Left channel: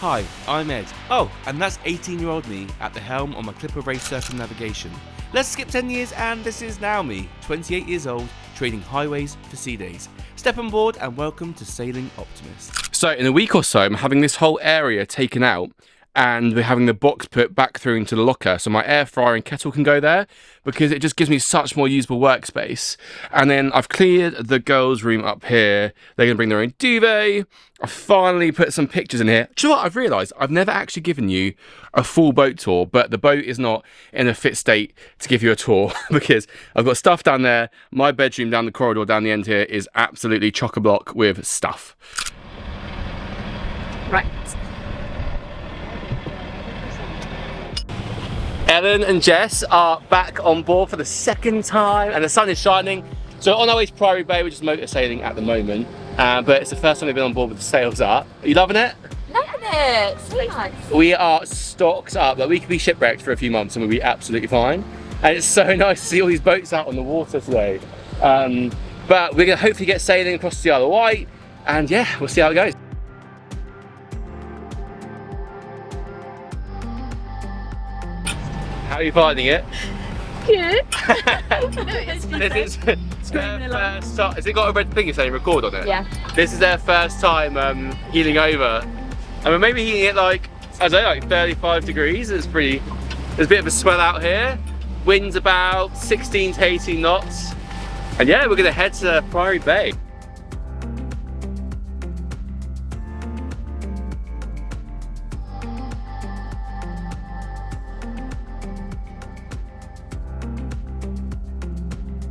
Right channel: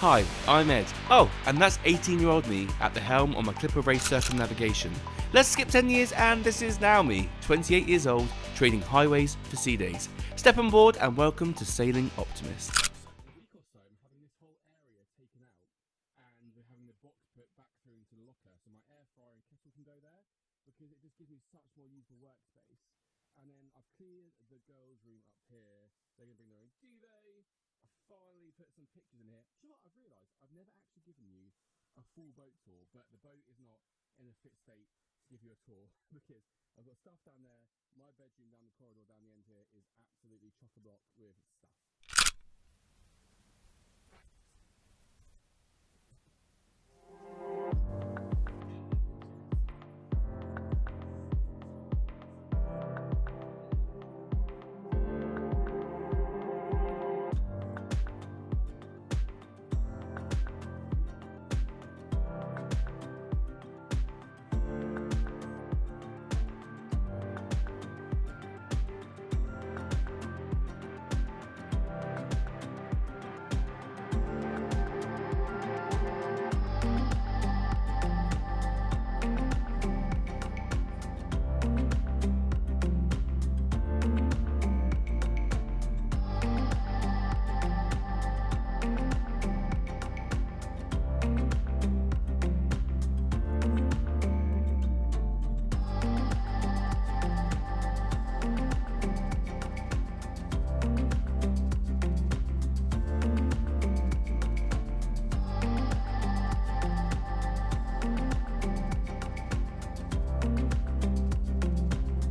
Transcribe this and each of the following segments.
Hi, I'm Ed. Oh, and that's 18-year-old me at the helm on my Clipper Race circumnavigation. Let's skip 10 years and this is now me, 28 years old, trading highways for sea days. Step on board and welcome to Sailing Optimist. So in a week or so, I'm having this whole area taken out and we're having the box put back through into the locker so my air fryer and kettle can go there because it just gives me such more usable workspace. And then I've cleared the girls' room up here. They're going to bring their own duvet. I finally put some pictures in here. Do you know what I've realised? I've never actually given you a full boat tour, but the boat is not in a fit state to give you a tour because I've got stuff down there. My bedroom down the corridor down the end here is absolutely chock-a-block with stuff. Right. Ellen and Jess are back on board for the second time and the sun is shining. So on our way to Priory Bay, we're just motor sailing at the moment. But it's the first time we've been on board with the sails up. Are you loving it? Loving it. So nice. We are stocked up. Like, we could be shipwrecked for a few months and we'll be absolutely fine. And it's so nice to see all these boats out on the water today. But we're going to hopefully get sailing across the Isle of Wight. And yeah, we'll see how it goes. How are you finding it? Good. This is their first time. Has it got a red thing if they record on it? Yeah. This is their first time heeling over. And we're maybe heating it like, I don't know, like 35 degrees. It's pretty, there's a bit of a swell out here. Wind's about 16 to 18 knots. And yeah, we're gonna head to Priory Bay.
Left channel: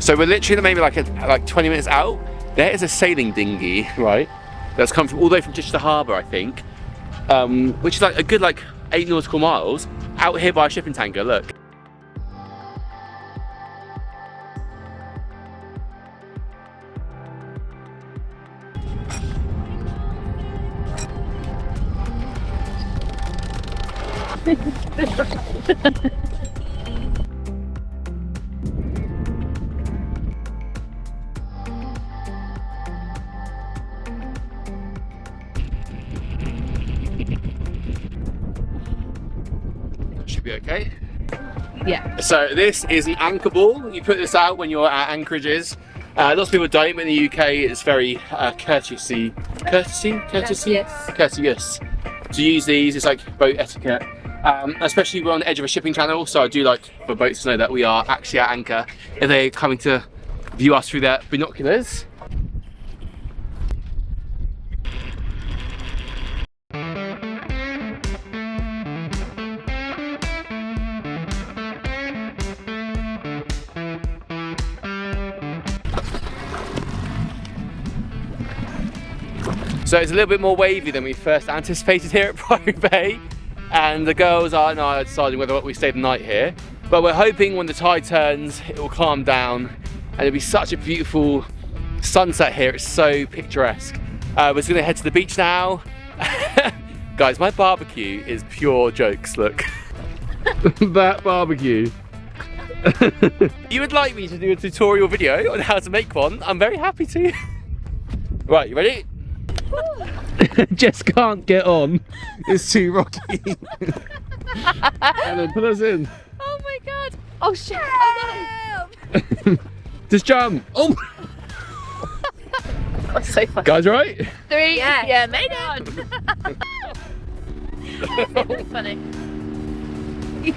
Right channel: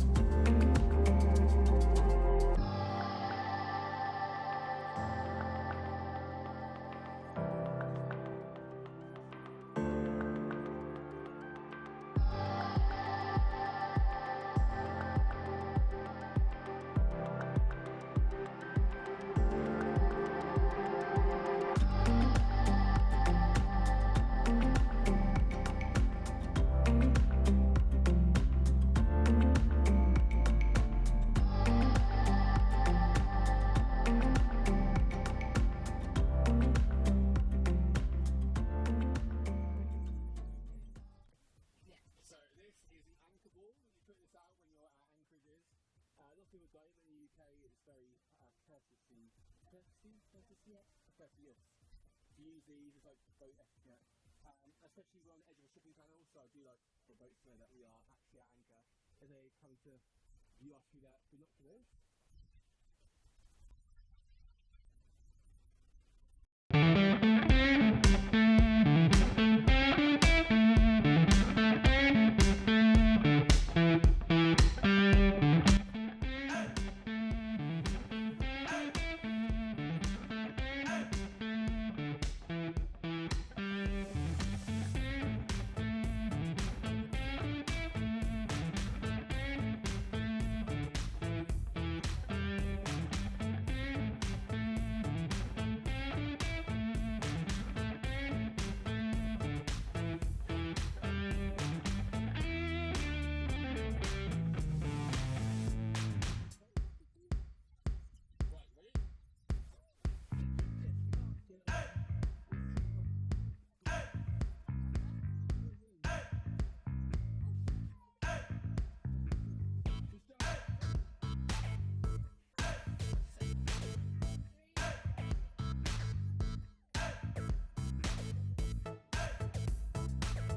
So we're literally maybe like 20 minutes out. There is a sailing dinghy, right? That's come from all the way from Chichester Harbour, I think, which is like a good 8 nautical miles out here by a shipping tanker. Look. Be okay. Yeah. So this is an anchor ball. You put this out when you're at anchorages. Lots of people don't, but in the UK it's very courteous to use these. It's like boat etiquette. Especially we're on the edge of a shipping channel, so I do like for boats to know that we are actually at anchor if they're coming to view us through their binoculars. So it's a little bit more wavy than we first anticipated here at Priory Bay, and the girls are now deciding whether we stay the night here. But we're hoping when the tide turns, it will calm down, and it'll be such a beautiful sunset here. It's so picturesque. We're just gonna head to the beach now. Guys, my barbecue is pure jokes. Look, that barbecue. You would like me to do a tutorial video on how to make one? I'm very happy to. Right, you ready? Jess can't get on. It's too rocky. Ellen, put us in. Oh my god. Oh shit. Oh no. Just jump. Oh. That's so funny. Guys, right? 3. Yeah, made it. It's funny. I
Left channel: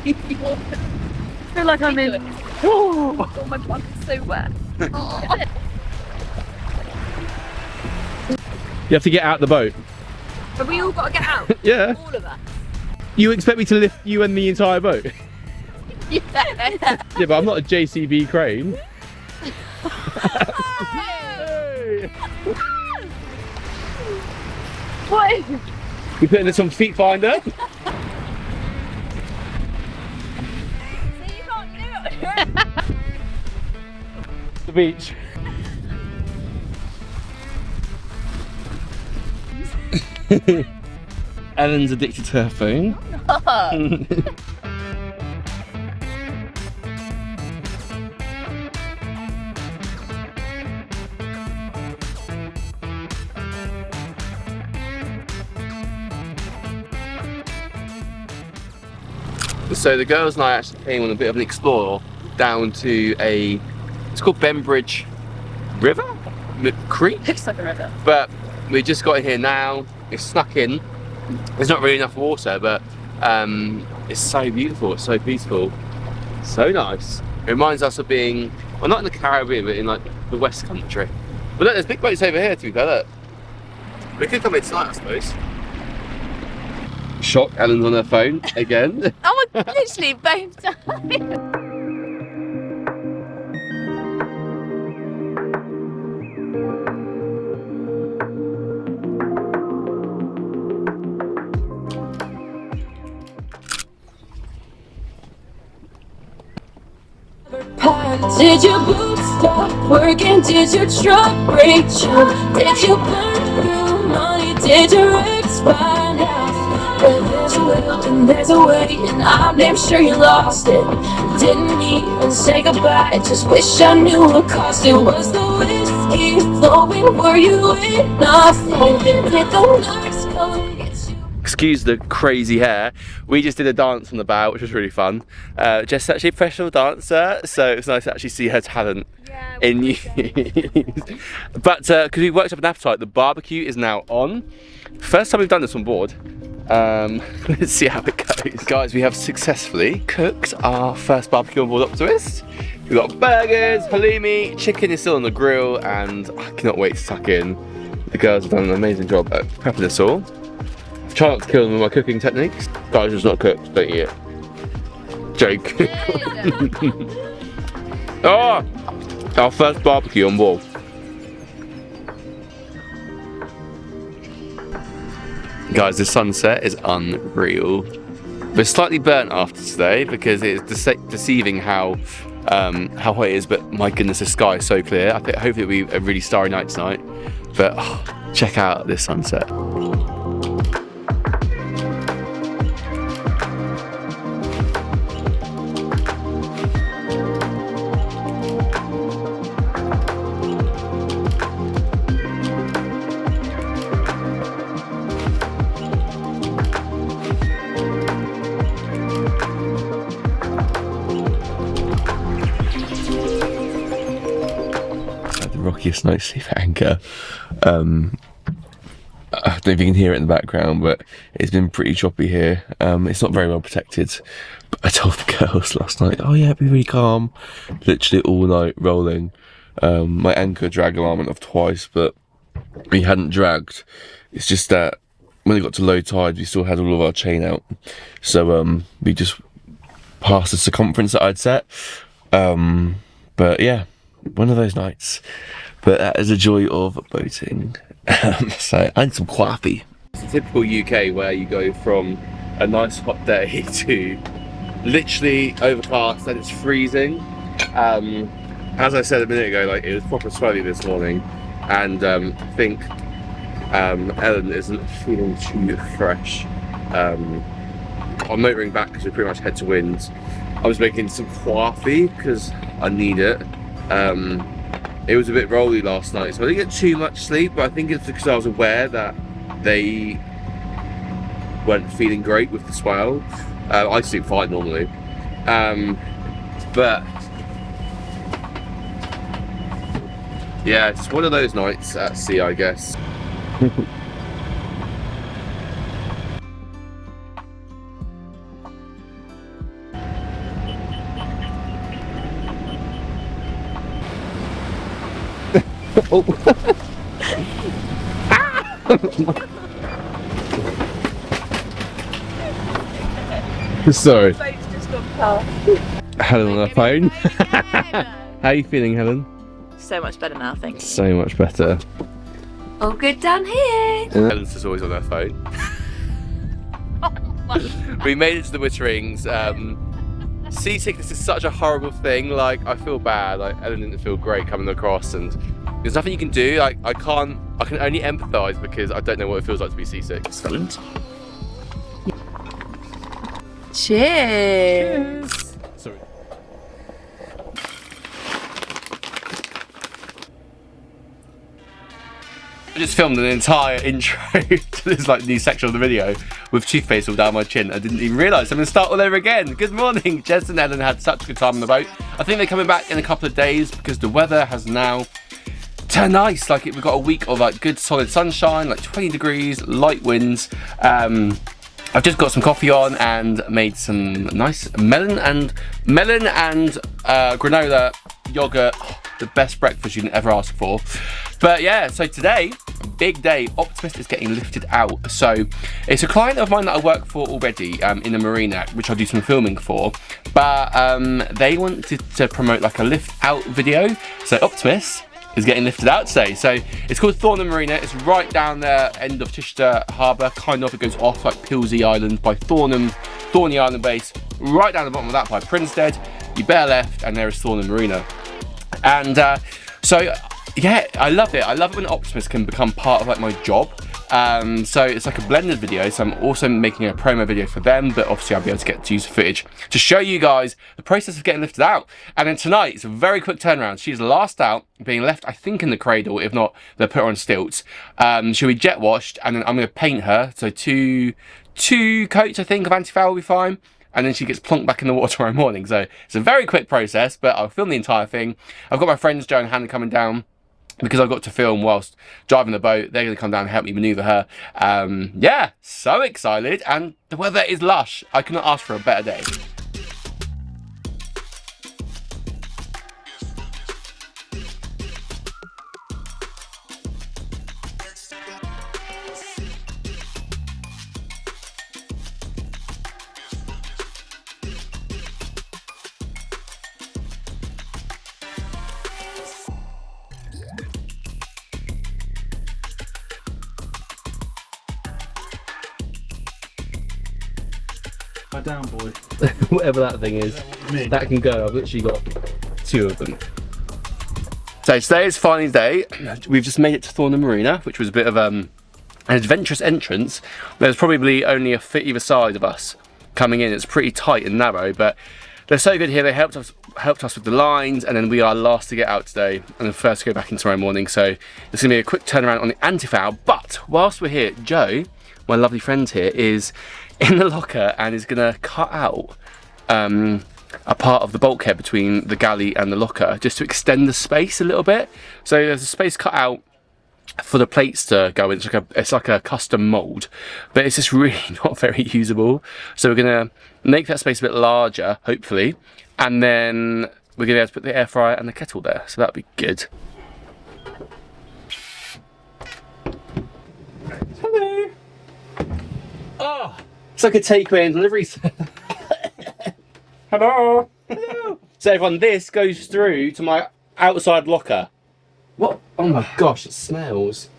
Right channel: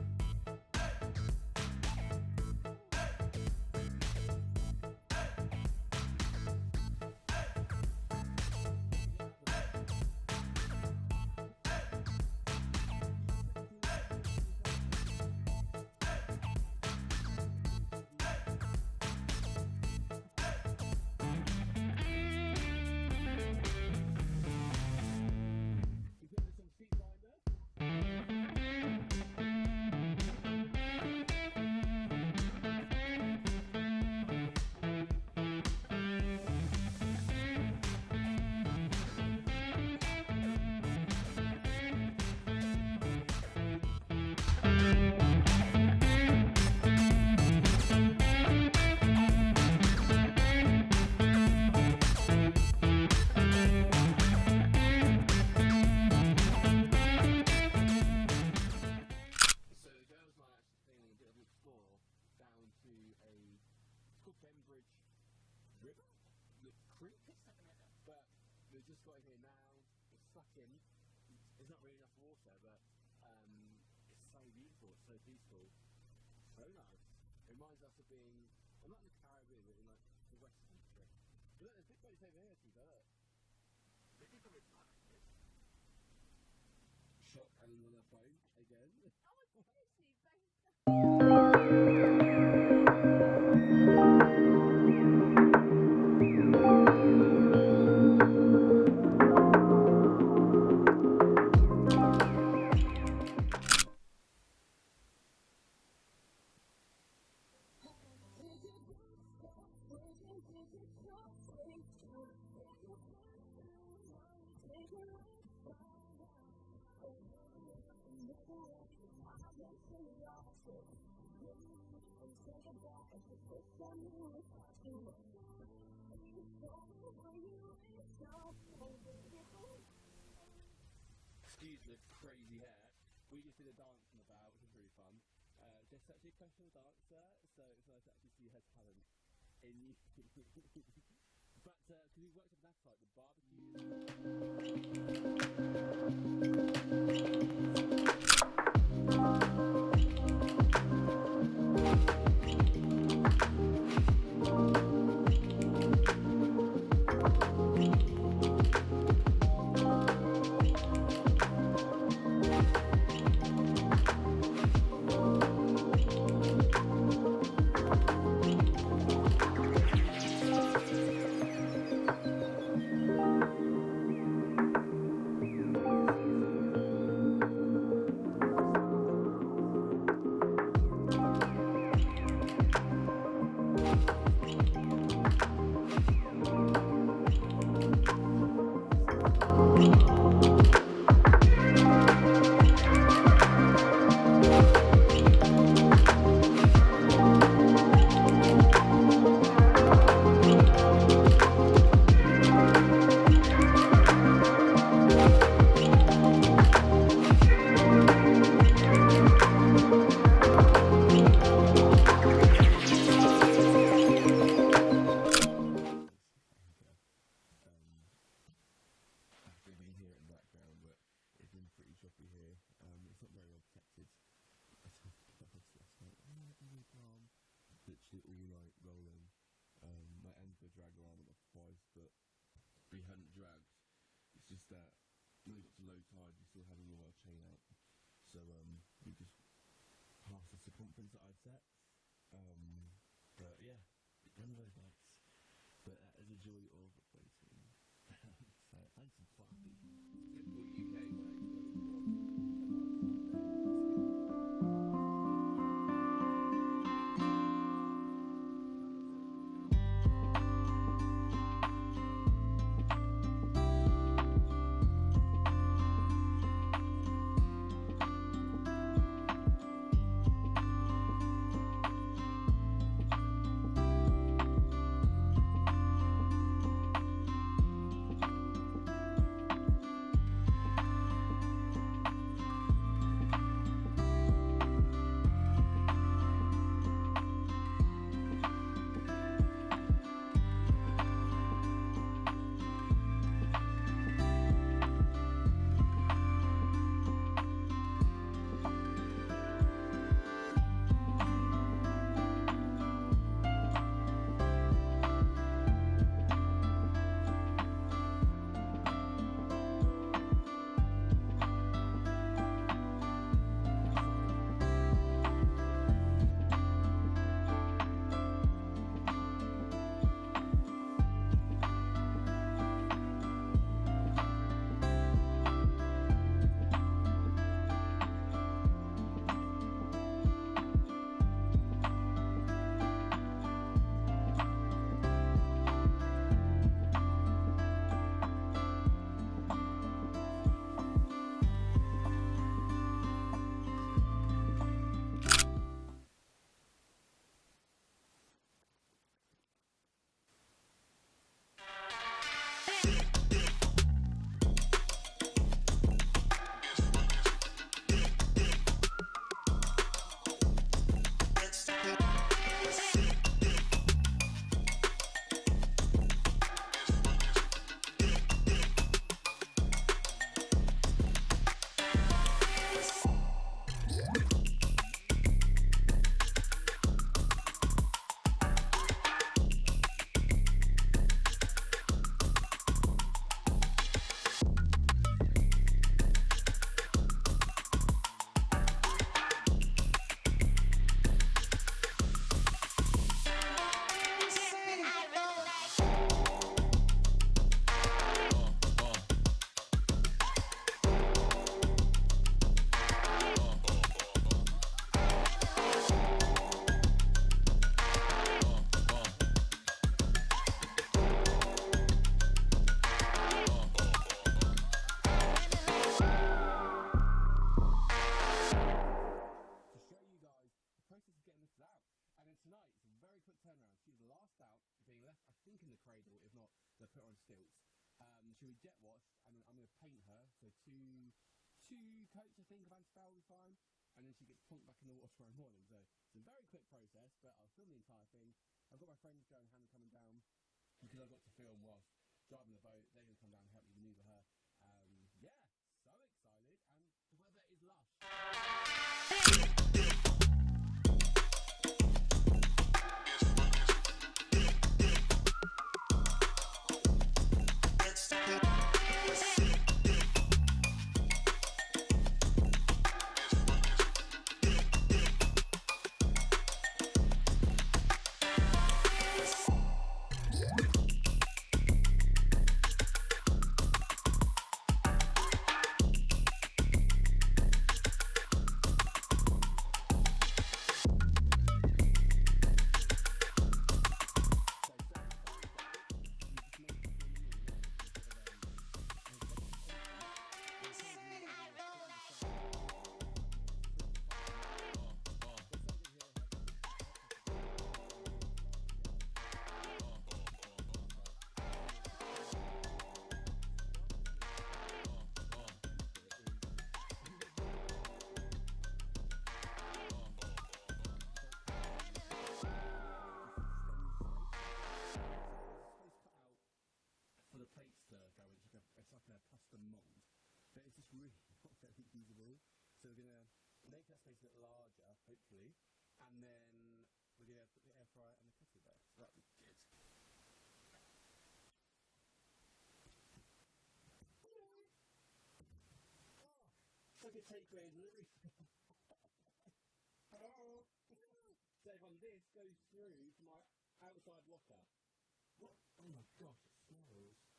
feel like I'm in. Oh, my butt's so wet. Oh. You have to get out the boat. Have we all got to get out? Yeah. All of us. You expect me to lift you and the entire boat? Yeah. Yeah, but I'm not a JCB crane. What? We putting this on Feet Finder. You can't do it. The beach. Ellen's addicted to her phone. So the girls and I actually came on a bit of an explore down to it's called Bembridge River? Creek? Looks like a river. But we just got in here now, it's snuck in. There's not really enough water, but it's so beautiful, it's so peaceful. So nice. It reminds us of being, well, not in the Caribbean, but in like the West Country. But look, there's big boats over here, to be fair, look. We could come in tonight, I suppose. Shock, Ellen's on her phone again. Oh my, literally both times. Did your boots stop working? Did your truck break down? Did you burn through money? Did your ex find out? Well, there's a will and there's a way, and I'm damn sure you lost it. Didn't even say goodbye, just wish I knew what cost it. Was the whiskey flowing? Were you enough? Did the lights come and get you? Excuse the crazy hair. We just did a dance on the bow, which was really fun. Jess is actually a professional dancer, so it's nice to actually see her talent in use. But because we worked up an appetite, the barbecue is now on. First time we've done this on board. Let's see how it goes. Guys, we have successfully cooked our first barbecue on board Optimist. We've got burgers, halloumi, chicken is still on the grill, and I cannot wait to tuck in. The girls have done an amazing job at prepping this all. Try not to kill them with my cooking techniques. Guys, it's not cooked, don't eat it. Joke. Oh, our first barbecue on board. Guys, the sunset is unreal. We're slightly burnt after today because it's deceiving how hot it is, but my goodness, the sky is so clear. I think hopefully it'll be a really starry night tonight. But check out this sunset. No sleep anchor. I don't know if you can hear it in the background, but it's been pretty choppy here. It's not very well protected, but I told the girls last night, oh yeah, be really calm. Literally all night rolling. My anchor drag alarm went off twice, but we hadn't dragged. It's just that when it got to low tide, we still had all of our chain out, so we just passed the circumference that I'd set. But yeah, one of those nights. But that is the joy of boating. So I need some coffee. It's a typical UK where you go from a nice hot day to literally overcast and it's freezing. As I said a minute ago, like it was proper swelly this morning, and I think Ellen isn't feeling too fresh. I'm motoring back because we're pretty much head to wind. I was making some coffee because I need it. It was a bit rolly last night, so I didn't get too much sleep, but I think it's because I was aware that they weren't feeling great with the swell. I sleep fine normally. But yeah, it's one of those nights at sea, I guess. Oh. Sorry. Helen on her phone. How are you feeling, Helen? So much better now, thanks. So much better. All good down here. Helen's just always on her phone. We made it to the Witterings. Seasickness is such a horrible thing. Like, I feel bad. Like, Ellen didn't feel great coming across, and there's nothing you can do. Like, I can only empathise because I don't know what it feels like to be seasick. Excellent. Cheers. Sorry. I just filmed an entire intro to this like new section of the video with toothpaste all down my chin. I didn't even realise. I'm going to start all over again. Good morning. Jess and Ellen had such a good time on the boat. I think they're coming back in a couple of days because the weather has now turned nice. Like we've got a week of like good solid sunshine, like 20 degrees, light winds. I've just got some coffee on and made some nice melon and granola yogurt. The best breakfast you can ever ask for. But yeah, so today, big day. Optimist is getting lifted out. So it's a client of mine that I work for already in the marina, which I do some filming for. But they wanted to promote like a lift out video. So Optimist is getting lifted out today. So it's called Thornham Marina. It's right down there, end of Chichester Harbour. Kind of, it goes off like Pilsey Island by Thorney Island base. Right down the bottom of that by Prinstead. You bear left and there is Thornham Marina. And so yeah, I love it. I love it when Optimist can become part of like my job. So it's like a blended video. So I'm also making a promo video for them, but obviously I'll be able to get to use the footage to show you guys the process of getting lifted out. And then tonight, it's a very quick turnaround. She's last out, being left, I think, in the cradle. If not, they'll put her on stilts. She'll be jet washed, and then I'm going to paint her. So two coats, I think, of anti-foul will be fine. And then she gets plonked back in the water tomorrow morning. So it's a very quick process, but I'll film the entire thing. I've got my friends Joe and Hannah coming down because I've got to film whilst driving the boat. They're going to come down and help me manoeuvre her. Yeah, so excited. And the weather is lush. I could not ask for a better day. Down, boy. Whatever that thing is, that can go. I've literally got 2 of them. So today is finally day. We've just made it to Thornham Marina, which was a bit of an adventurous entrance. There's probably only a foot either side of us coming in. It's pretty tight and narrow, but they're so good here. They helped us with the lines, and then we are last to get out today and the first to go back in tomorrow morning. So it's gonna be a quick turnaround on the anti-foul. But whilst we're here, Joe, my lovely friend here, is in the locker and is gonna cut out a part of the bulkhead between the galley and the locker just to extend the space a little bit. So there's a space cut out for the plates to go in. It's like a custom mould, but it's just really not very usable. So we're gonna make that space a bit larger, hopefully, and then we're gonna be able to put the air fryer and the kettle there. So that'll be good. Hello. Oh. It's like a takeaway and delivery. Hello. Hello. So everyone, this goes through to my outside locker. What? Oh my gosh, it smells.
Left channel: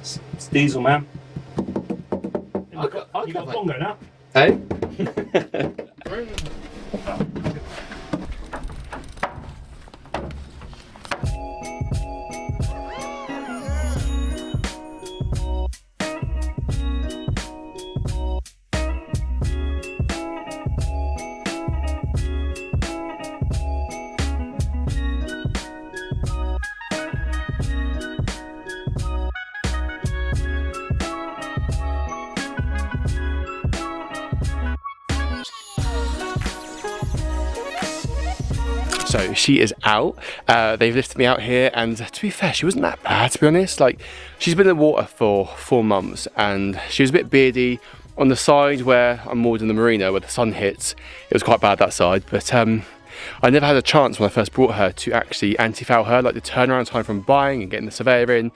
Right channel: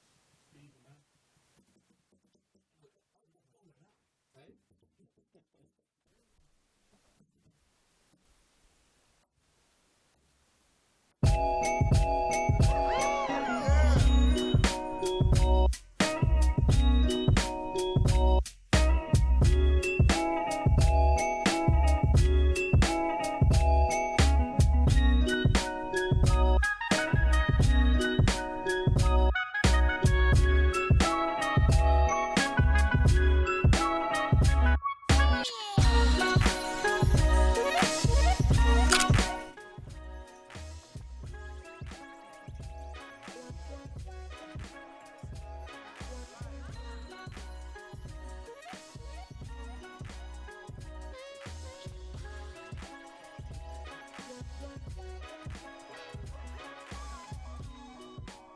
It's diesel, man. You got a bongo now? Eh? So she is out. They've lifted me out here, and to be fair, she wasn't that bad, to be honest. Like, she's been in the water for 4 months, and she was a bit beardy on the side where I'm moored in the marina, where the sun hits. It was quite bad that side, but I never had a chance when I first brought her to actually anti-foul her. Like, the turnaround time from buying and getting the surveyor in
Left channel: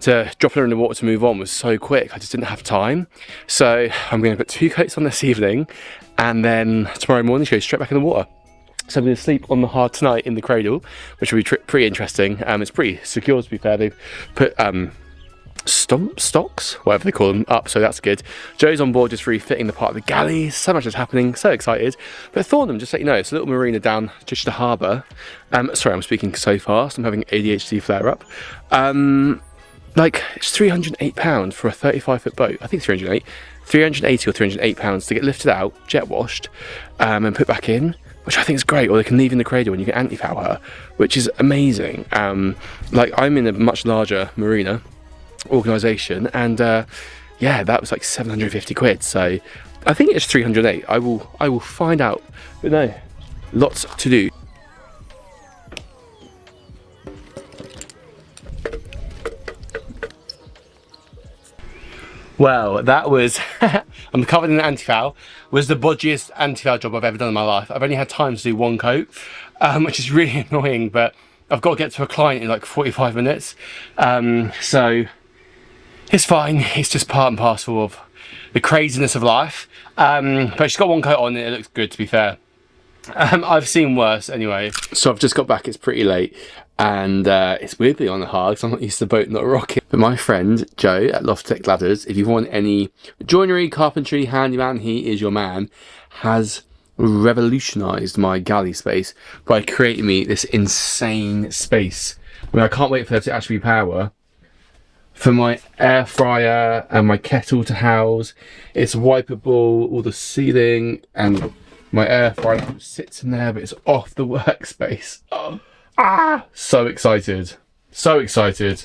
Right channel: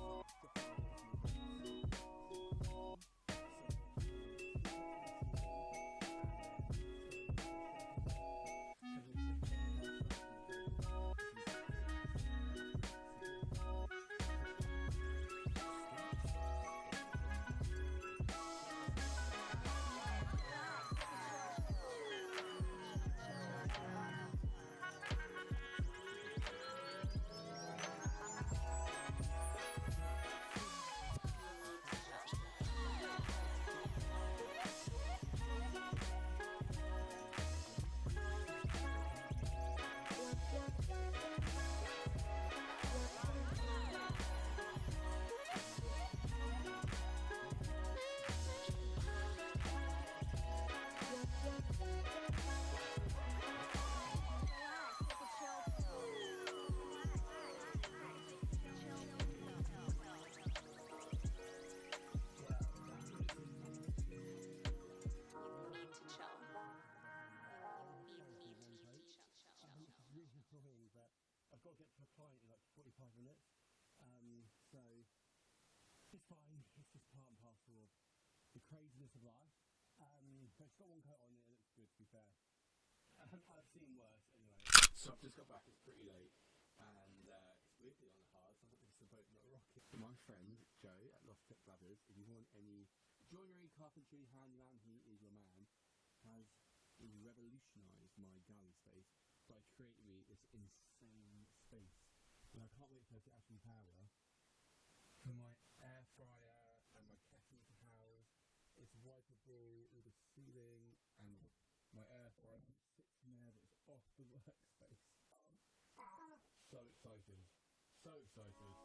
to dropping her in the water to move on was so quick. I just didn't have time. So I'm going to put 2 coats on this evening, and then tomorrow morning she goes straight back in the water. So I'm going to sleep on the hard tonight in the cradle, which will be pretty interesting. It's pretty secure, to be fair. They've put stocks, whatever they call them, up, so that's good. Joe's on board just refitting the part of the galley. So much is happening, so excited. But Thornham, just to let you know, it's a little marina down Chichester Harbour. Sorry, I'm speaking so fast. I'm having ADHD flare-up. Like, it's £308 for a 35-foot boat. I think it's 380 or £308 to get lifted out, jet washed, and put back in, which I think is great. Or they can leave in the cradle and you can anti-foul her, which is amazing. Like, I'm in a much larger marina organisation, and yeah, that was like 750 quid. So I think it's 308. I will find out. But no, lots to do. Well, that was, I'm covered in anti-foul, was the bodgiest anti-foul job I've ever done in my life. I've only had time to do one coat, which is really annoying, but I've got to get to a client in like 45 minutes. So it's fine, it's just part and parcel of the craziness of life. But she's got one coat on and it looks good, to be fair. I've seen worse anyway. So I've just got back, it's pretty late. And it's weirdly on the hard because I'm not used to boat, not a rocket. But my friend Joe at Loftech Ladders, if you want any joinery, carpentry, handyman, he is your man, has revolutionised my galley space by creating me this insane space where I can't wait for there to actually be power for my air fryer and my kettle to house. It's wipeable, all the ceiling, and my air fryer sits in there, but it's off the workspace. Oh. So excited, so excited.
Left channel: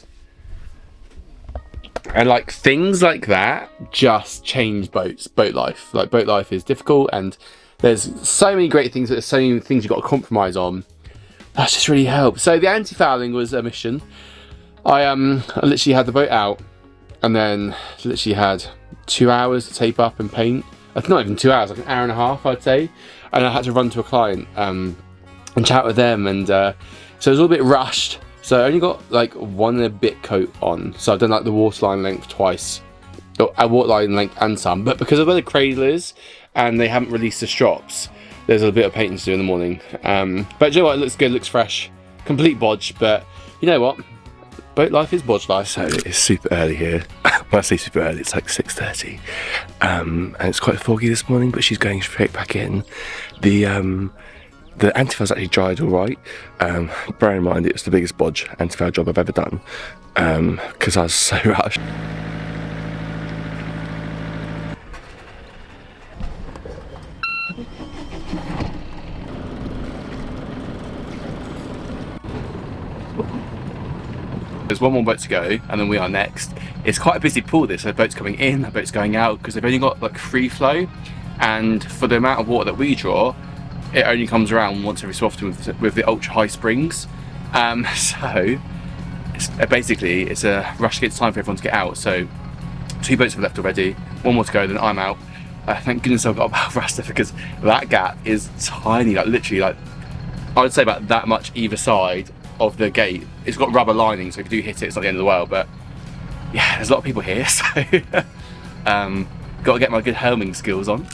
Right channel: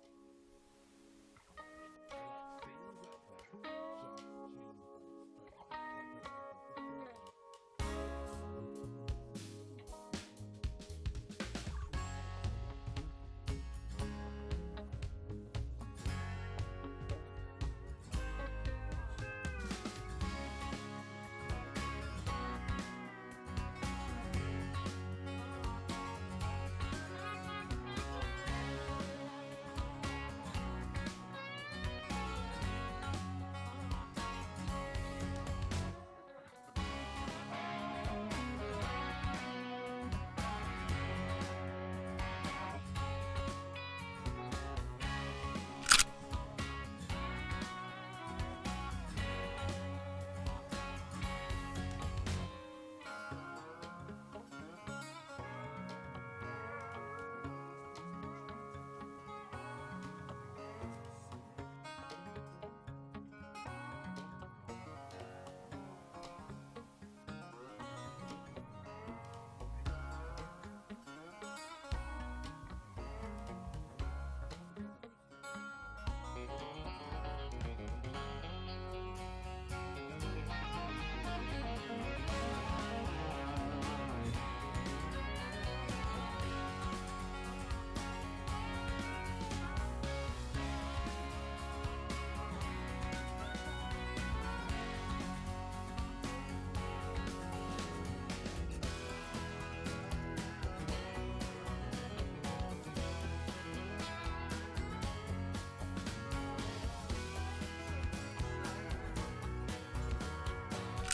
And like things like that just change boat life. Like boat life is difficult and there's so many great things, but there's so many things you've got to compromise on. That's just really helped. So the anti-fouling was a mission. I literally had the boat out and then literally had 2 hours to tape up and paint. Not even 2 hours, like an hour and a half I'd say. And I had to run to a client and chat with them, and so it was a little bit rushed. So I only got like 1 and a bit coat on. So I've done like the waterline length twice. A waterline length and some. But because of where the cradle is and they haven't released the strops, there's a bit of painting to do in the morning. But you know what, it looks good, it looks fresh. Complete bodge, but you know what? Boat life is bodge life. So it's super early here. When I say super early, it's like 6:30. And it's quite foggy this morning, but she's going straight back in. The anti-foul's actually dried all right. Bear in mind, it was the biggest bodge anti-foul job I've ever done because I was so rushed. There's one more boat to go and then we are next. It's quite a busy pool this, so boats coming in, boats going out, because they've only got like free flow, and for the amount of water that we draw, it only comes around once every so often with the ultra high springs. So basically it's a rush to get time for everyone to get out. So 2 boats have left already, 1 more to go, then I'm out. Thank goodness I've got a bow raster because that gap is tiny, like literally like, I would say about that much either side of the gate. It's got rubber lining, so if you do hit it, it's not the end of the world, but yeah, there's a lot of people here, so got to get my good helming skills on.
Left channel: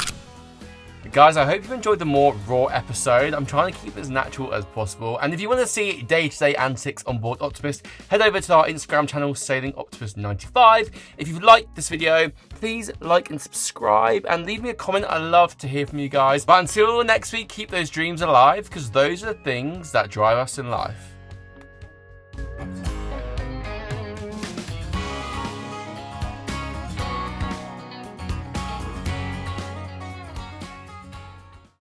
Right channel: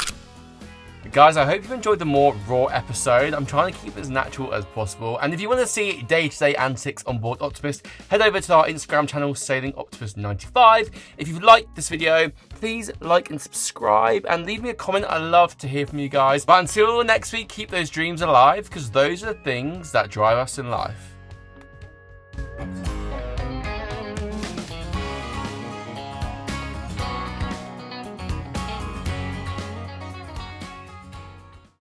Guys, I hope you've enjoyed the more raw episode. I'm trying to keep it as natural as possible. And if you want to see day-to-day antics on board Optimist, head over to our Instagram channel, SailingOptimist95. If you've liked this video, please like and subscribe and leave me a comment. I love to hear from you guys. But until next week, keep those dreams alive, because those are the things that drive us in life.